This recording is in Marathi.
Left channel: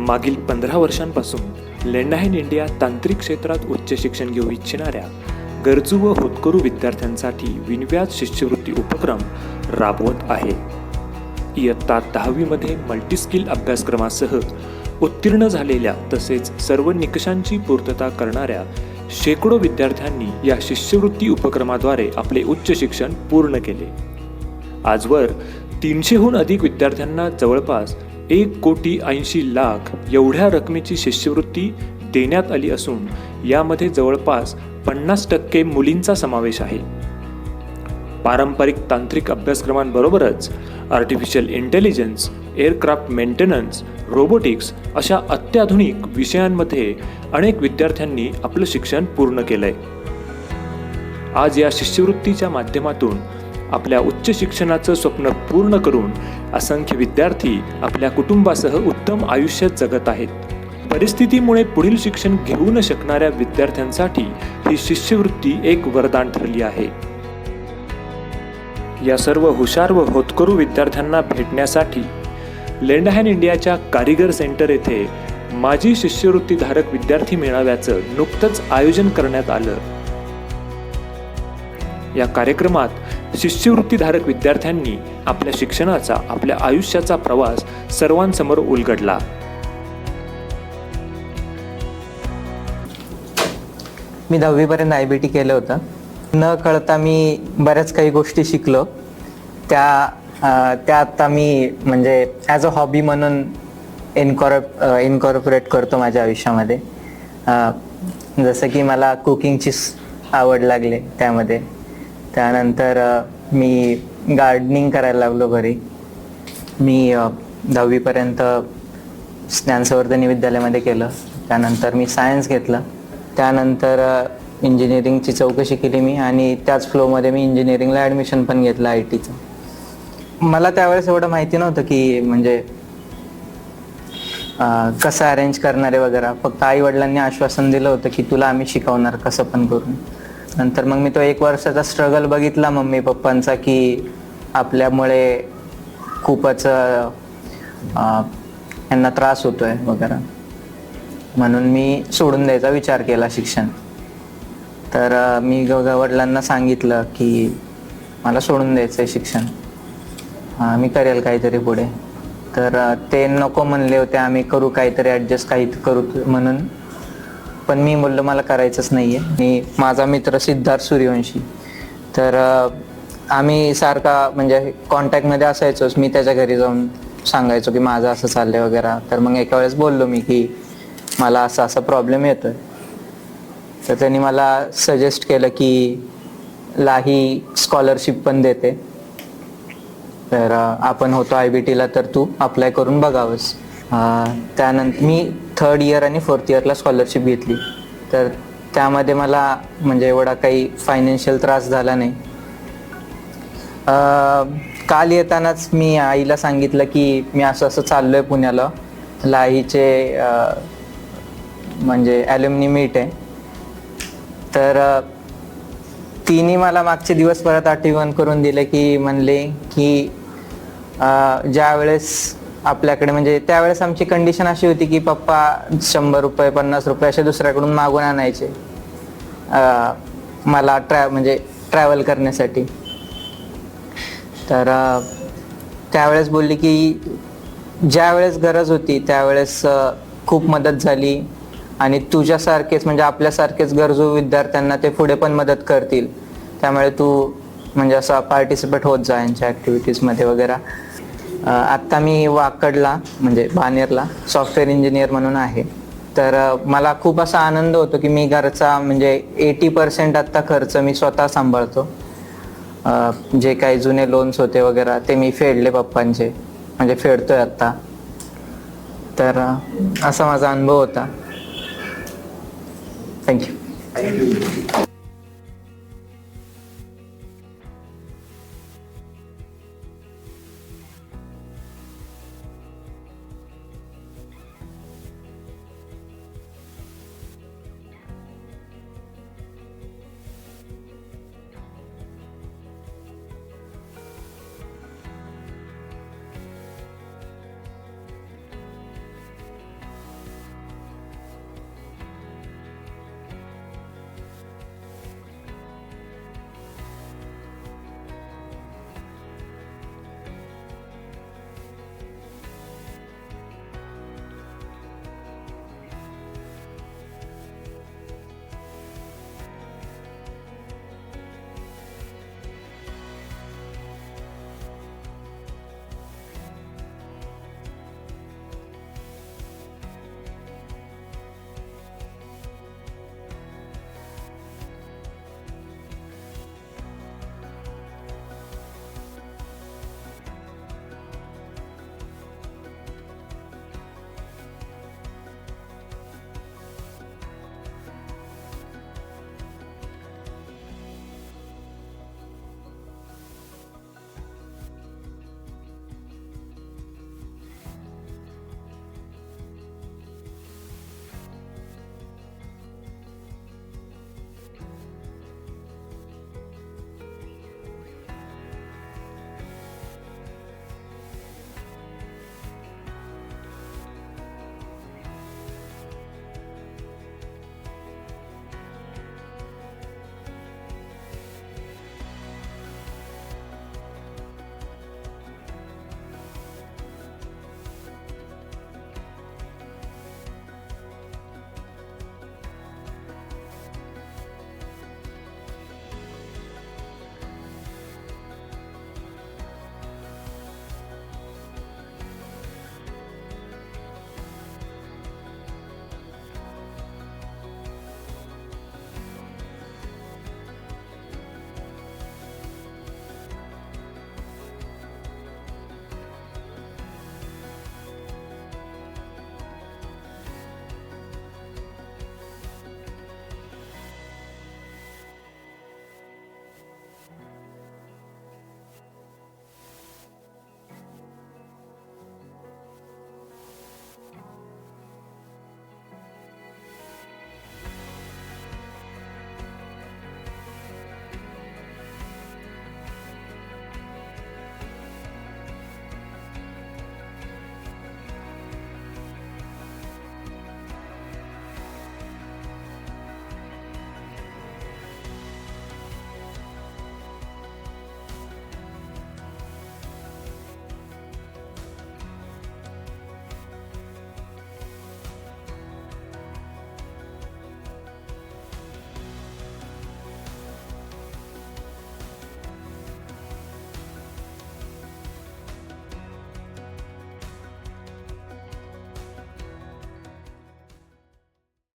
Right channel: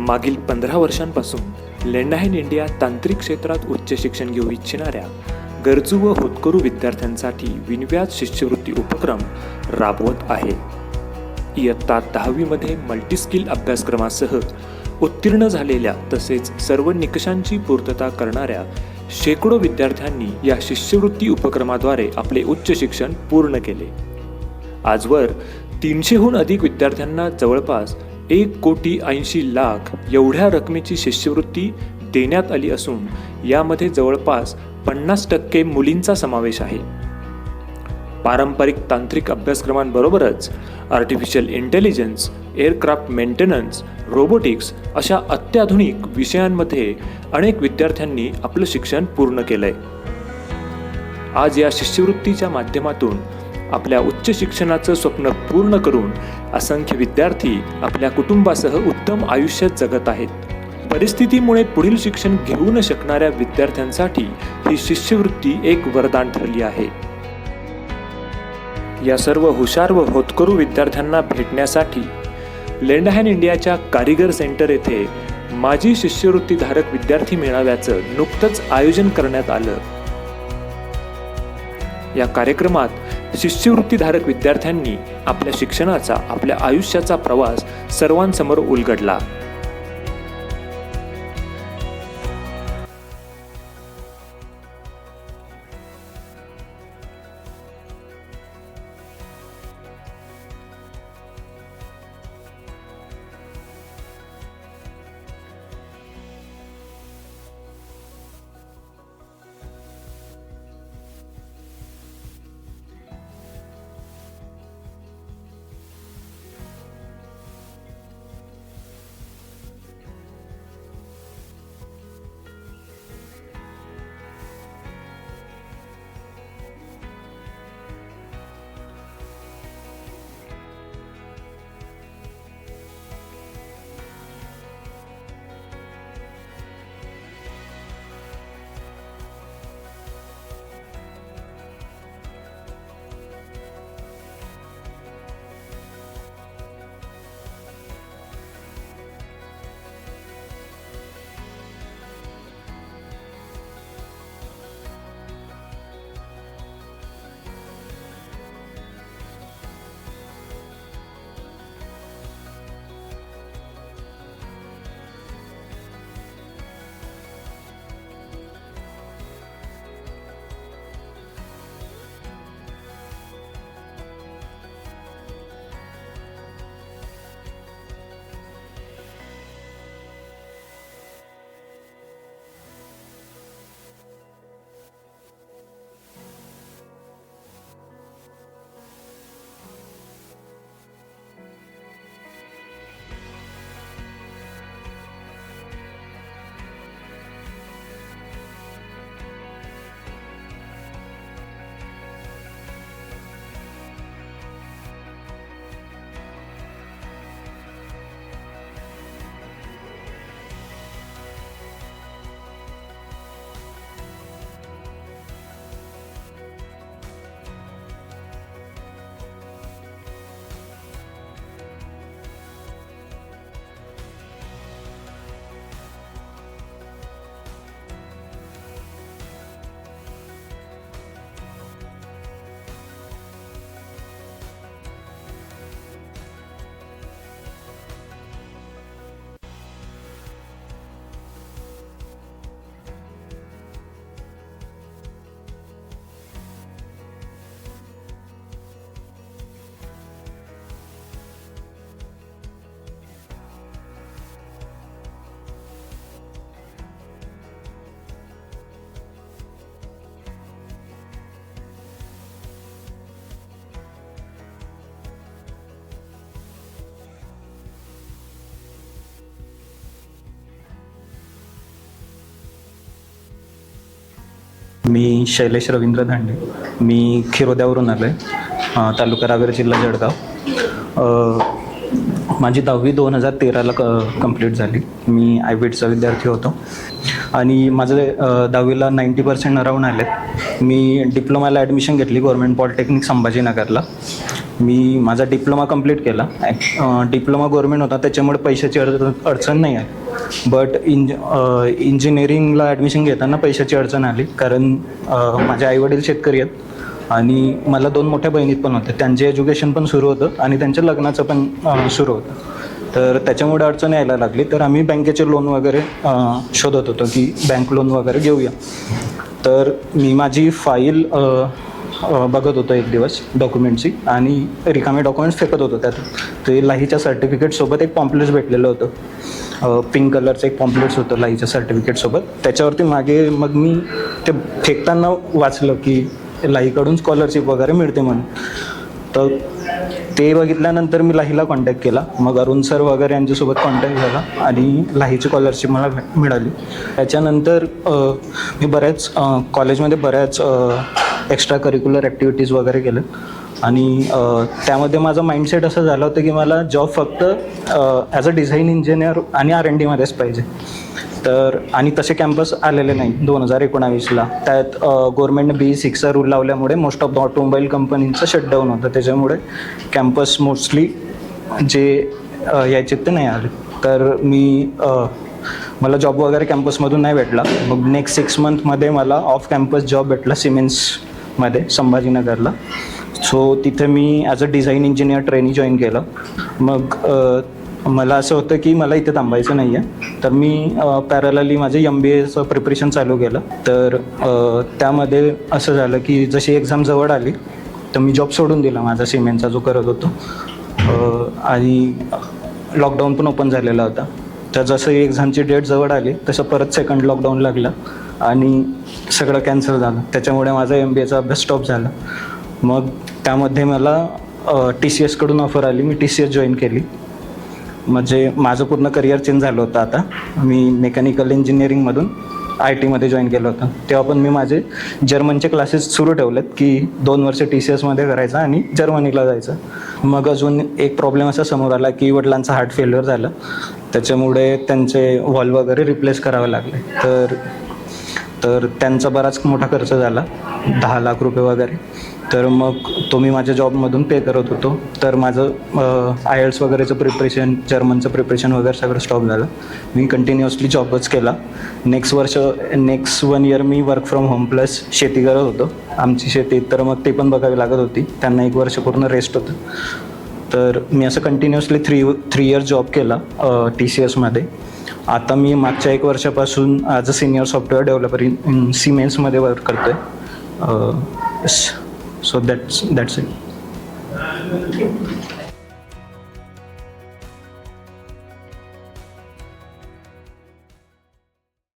मागील पंधरा वर्षांपासून लेंडाहेन इंडिया तांत्रिक क्षेत्रात उच्च शिक्षण घेऊ इच्छिणाऱ्या गरजू व होतकरू विद्यार्थ्यांसाठी विनव्याज शिष्यवृत्ती उपक्रम राबवत आहे. इयत्ता दहावीमध्ये मल्टीस्किल अभ्यासक्रमासह उत्तीर्ण झालेल्या तसेच सर्व निकषांची पूर्तता करणाऱ्या शेकडो विद्यार्थ्यांनी या शिष्यवृत्ती उपक्रमाद्वारे आपले उच्च शिक्षण पूर्ण केले. आजवर तीनशेहून अधिक विद्यार्थ्यांना जवळपास एक कोटी ऐंशी लाख एवढ्या रकमेची शिष्यवृत्ती देण्यात आली असून यामध्ये जवळपास पन्नास टक्के मुलींचा समावेश आहे. पारंपरिक तांत्रिक अभ्यासक्रमांबरोबरच artificial intelligence aircraft maintenance robotics अशा अत्याधुनिक विषयांमध्ये अनेक विद्यार्थ्यांनी आपलं शिक्षण पूर्ण केलंय. आज या शिष्यवृत्तीच्या माध्यमातून आपल्या उच्च शिक्षणाचं स्वप्न पूर्ण करून असंख्य विद्यार्थी आपल्या कुटुंबासह उत्तम आयुष्य जगत आहेत. परिस्थितीमुळे पुढील शिक्षण घेऊ न शकणाऱ्या विद्यार्थ्यांसाठी ही शिष्यवृत्ती एक वरदान ठरली आहे. या सर्व हुशार व होतकरू विद्यार्थ्यांना भेटण्यासाठी लेंडहॅन इंडियाच्या कारिगर सेंटर येथे माजी शिष्यवृत्तीधारक विद्यार्थी मेळाव्याचं नुकतंच आयोजन करण्यात आलं. या कार्यक्रमात शिष्यवृत्तीधारक विद्यार्थ्यांनी आपल्या शिक्षणाचा आपल्या आयुष्याचा प्रवास सर्वांसमोर उलगडला. मी दहावीपर्यंत आय बी टी केलं होतं. न कळता मी बऱ्याच काही गोष्टी शिकलो. त्या त्या आता मी म्हणजे ॲज अ हॉबी म्हणून इनकॉर्प इनकॉर्पोरेट करतो माझ्या आयुष्यामध्ये. जसं की मला कुकिंगची आवड लागले त्यामध्ये. त्यानंतर मी गार्डनिंग करायला लागलो घरी. मी दहावीपर्यंत ज्ञानसंवर्धनी विद्यालयामध्ये केलं. त्यानंतर मी सायन्स घेतलं. त्यानंतर इंजिनिअरिंगची चौकशी केली मी आणि त्याच फ्लोमध्ये मी इंजिनिअरिंगला ॲडमिशन पण घेतलं आय टीचं मला त्यावेळेस एवढं माहिती नव्हतं की म्हणजे कसं अरेंज करणारे वगैरे. फक्त आई वडिलांनी आश्वासन दिलं होतं की तुला आम्ही शिकवणार कसं पण करून. नंतर मग मी तो एक वर्षाचा स्ट्रगल बघितला मम्मी पप्पांचा की आपल्यामुळे खूपच यांना त्रास होतोय वगैरे. म्हणून मी सोडून द्यायचा विचार केला शिक्षण. तर मी ग- वडिलांना सांगितलं की मला सोडून द्यायचं आहे शिक्षण मी करेल काहीतरी पुढे. तर ते नको म्हणले होते आम्ही करू काहीतरी ॲडजस्ट काही करू म्हणून पण मी बोललो मला करायचंच नाही आहे मी माझा मित्र सिद्धार्थ सूर्यवंशी. तर आम्ही सारखा म्हणजे कॉन्टॅक्टमध्ये असायचोच. मी त्याच्या घरी जाऊन सांगायचो की माझं असं चाललंय वगैरे. तर मग एका वेळेस बोललो मी की मला असा असा प्रॉब्लेम येतोय. तर त्यांनी मला सजेस्ट केलं की लाही स्कॉलरशिप पण देते. तर आपण होतो आय बी टीला तर तू अप्लाय करून बघावंस. त्यानंतर मी थर्ड इयर आणि फोर्थ इयरला स्कॉलरशिप घेतली. तर त्यामध्ये मला म्हणजे एवढा काही फायनान्शियल त्रास झाला नाही. काल येतानाच मी आईला सांगितलं की मी असं असं चाललो आहे पुण्याला लाहीचे म्हणजे ॲल्युमिनी मीट आहे तर तिने मला मागचे दिवस परत आठवण करून दिले की म्हणले की ज्या वेळेस आपल्याकडे म्हणजे त्यावेळेस आमची कंडिशन अशी होती की पप्पा शंभर रुपये पन्नास रुपये असे दुसऱ्याकडून मागून आणायचे मला ट्रॅ म्हणजे ट्रॅव्हल करण्यासाठी. तर त्यावेळेस बोलली की ज्या वेळेस गरज होती त्यावेळेस खूप मदत झाली आणि तुझ्यासारखेच म्हणजे आपल्यासारखेच गरजू विद्यार्थ्यांना ते पुढे पण मदत करतील. त्यामुळे तू म्हणजे असा पार्टिसिपेट होत जा यांच्या ॲक्टिव्हिटीजमध्ये वगैरे. आत्ता मी वाकडला म्हणजे बानेरला सॉफ्टवेअर इंजिनियर म्हणून आहे. तर मला खूप असा आनंद होतो की मी घरचा म्हणजे एटी पर्सेंट आत्ता खर्च मी स्वतः सांभाळतो. जे काही जुने लोन्स होते वगैरे ते मी फेडले पप्पांचे म्हणजे फेडतोय आत्ता. तर असा माझा अनुभव होता. थँक्यू मी शैलेश रवींद्र धांडे. मी खिरोद्यावरून आलो आहे तालुका रावेर जिल्हा जळगाव. माझी दहावी दोन हजार तेराला क कंप्लीट झाली. मी आय बीडचा विद्यार्थी होतो. आणि माझं दहावीला नाईंटी पर्सेंट अराऊंड आले मी डिप्लोमाला ॲडमिशन घेतली गव्हर्मेंट पॉलिटेक्निक संभाजीनगरला. मी माझा डिप्लोमा कंप्लीट केला. डिप्लोमा गव्हर्मेंट होता त्याच्यामुळे पैशाची अड अडचण नाही आहे. बट इंज इंजिनिअरिंगला ॲडमिशन घेताना पैशाची अडचण आली. कारण माझे आईवडील शेतकरी आहेत. आणि मला दोन मोठ्या बहिणीत पण होत्या. त्यांचे एज्युकेशन पण सुरू होतं आणि त्यांच्या लग्नाचं पण सुरू होतं. तर त्याच्यामुळे अडचण यायला लागली. तर आम्ही बँकेचे लोन वगैरे शोधत होतो की बँक लोन वगैरे घेऊया. तर मी माझी फाईल बघत होतो एक दिवस डॉक्युमेंटची आणि रिकामे डॉक्युमेंट्स फेकत होतो त्यात. ते लाहीच्या सर्टिफिकेटसोबत एक पॉम्प्लेट्स भेटलेलं होतं. पिंक कलरचं एक पॉम्प्लेट्स होतं लाईच्या सर्टिफिकेटसोबत त्याच्यावरती मागे मग मी ते फेकताना वाचलं की लाईकडून स्कॉलरशिप वगैरे मिळते म्हणून. तर ते बघितल्यानंतर मी लाहीला कॉन्टॅक्ट केला. मग अरुण सर वगैरे यांच्यासोबत कॉन्टॅक्ट झाला आणि लाहीची स्कॉलरशिप मला मिळाली. त्याच्यानंतर मी बऱ्याच कॉलेजमध्ये बऱ्याच एक्स्ट्रा करिक्युलर ॲक्टिव्हिटीज वगैरे केलं. आणि त्यामध्ये माझं माइंडसेट असं झालं होतं की मला जॉब फक्त ॲज अ डिझाईन इंजिनियर आणि आर एन डीमध्येच पाहिजे. तर आणि तसे कॅम्पस आलेले नाही दोन हजार एकोणावीसला. त्यात गव्हर्मेंटने बी सिक्सचा रूल लावल्यामुळे मोस्ट ऑफ द ऑटोमोबाईल कंपनींचं शटडाऊन होतं. त्याच्यामुळे कॅम्पस मोस्टली जे यायचे ते नाही आले. तर मी मला जॉब वगैरे कॅम्पसमधून नाही भेटला. मग नेक्स्ट सिक्स मंथमध्ये मला ऑफ कॅम्पस जॉब भेटला सिमेन्समध्ये संभाजीनगरला. सो तिथे मी as a design engineer training join केलं. मग मला असं होतं की मला इथे थांबायचं नाही आहे. तर मी पॅरलली माझे एम बी एचं प्रिपरेशन चालू केलं. तर त्यामध्ये असं झालं की जशी एक्झाम जवळ आली तर मी जॉब सोडून दिला माझा सिमेंटचा जो करत होतो. आणि लॉकडाऊन पण ओपन झालेला होता. तर जसं एक्झामची डेट जवळ आली तसं परत सेकंड लॉकडाऊन लागलं आणि सगळं कॅन्सल झालं. त्याच्यामुळे माझा एम बी एचा अभ्यास स्टॉप झाला. मग त्यामध्ये मला टी सी एसकडून ऑफर आली. मी टी सी एस जॉईन केली. म्हणजे माझं पूर्ण करिअर चेंज झालं होतं आता. मी मेकॅनिकल इंजिनिअरिंगमधून आय टीमध्ये जॉईन केलं होतं. तेव्हा पण मी माझे जर्मनचे क्लासेस सुरू ठेवलेत की दोन वर्ष टी सी एसमध्ये करायचं आणि जर्मनीला जायचं. मग अजून एक प्रॉब्लेम असा समोर आला की वडिलांचा हार्ट फेल्युअर झालं. त्याच्यामुळे त्यांचे वॉल वगैरे रिप्लेस करावे लागले. तर तर त्यांचा बराच मोठा खर्च झाला दहा लाख रुपये वगैरे. तर मग तो मी माझ्या जॉबमधून पे करत होतो. तर माझं आय एल्स वगैरेचं प्रिपरेशन जर्मनचं प्रिपरेशन वगैरे सगळं स्टॉप झालं. मी कंटिन्युअसली जॉबच केला. नेक्स्ट वर्ष नेक्स्ट वन इयर मी वर्क फ्रॉम होम प्लस शेती करत होतो. आमची शेती तर मग ते पण बघावी लागत होती. त्यांना एक वर्ष पूर्ण रेस्ट होतं. तर मी असं continuously three three years job केला टी सी एसमध्ये आता मी मागच्या एक वर्षापासून as a senior software developer in सिमेन्समध्ये work करतो आहे सो दॅट्स दॅट्स इट